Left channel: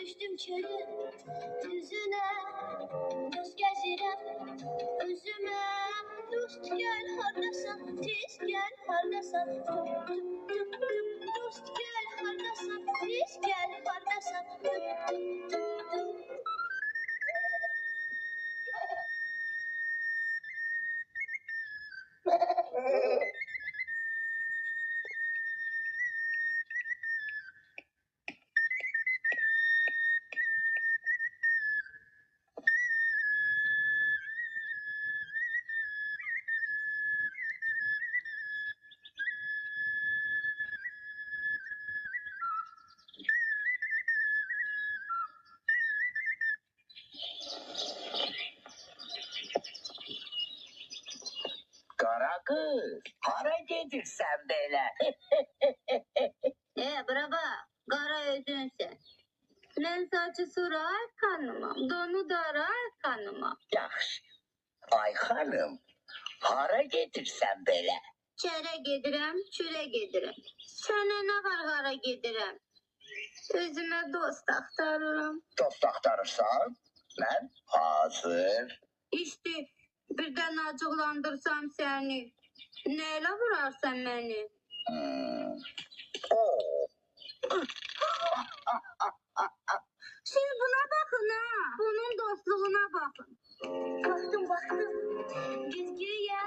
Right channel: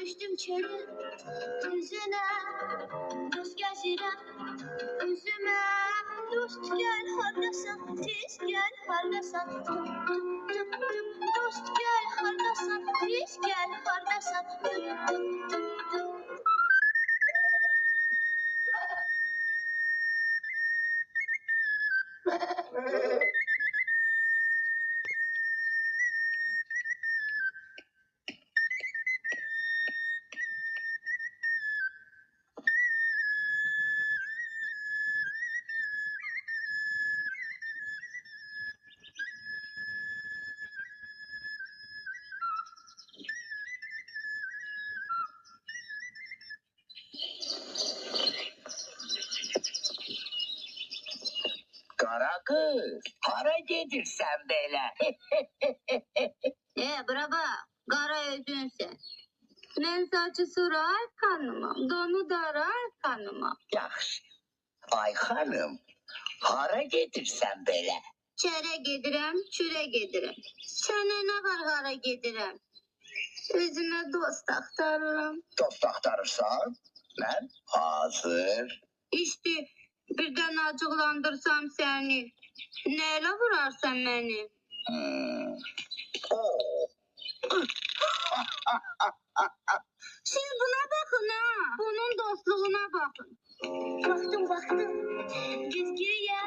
Düşdüm çölü düzünə, dost gəzirəm özümə. Dost gəl hardasan, tez gəl hardasan. Dost gəl hardasan, tez gəl hardasan. Qara qız, hara gedirsən belə? Bura bax, qara özünsən. Mən saçı sura xanımam, donu dara xanımam. Yaxşı. Ay xanım, hara gedirsən belə? Çərə gedirəm, çürə gedirəm. Sənə nə var hara gedirəm? Özümə dost axtarıram. Dost axtarırsan? Mən hazır. İşte birdən acıqlandırsam səni. Nəylə vurarsan məni? Siz buna baxın ha. Bunun dostluğuna baxın. Baxdım. Güzgüyə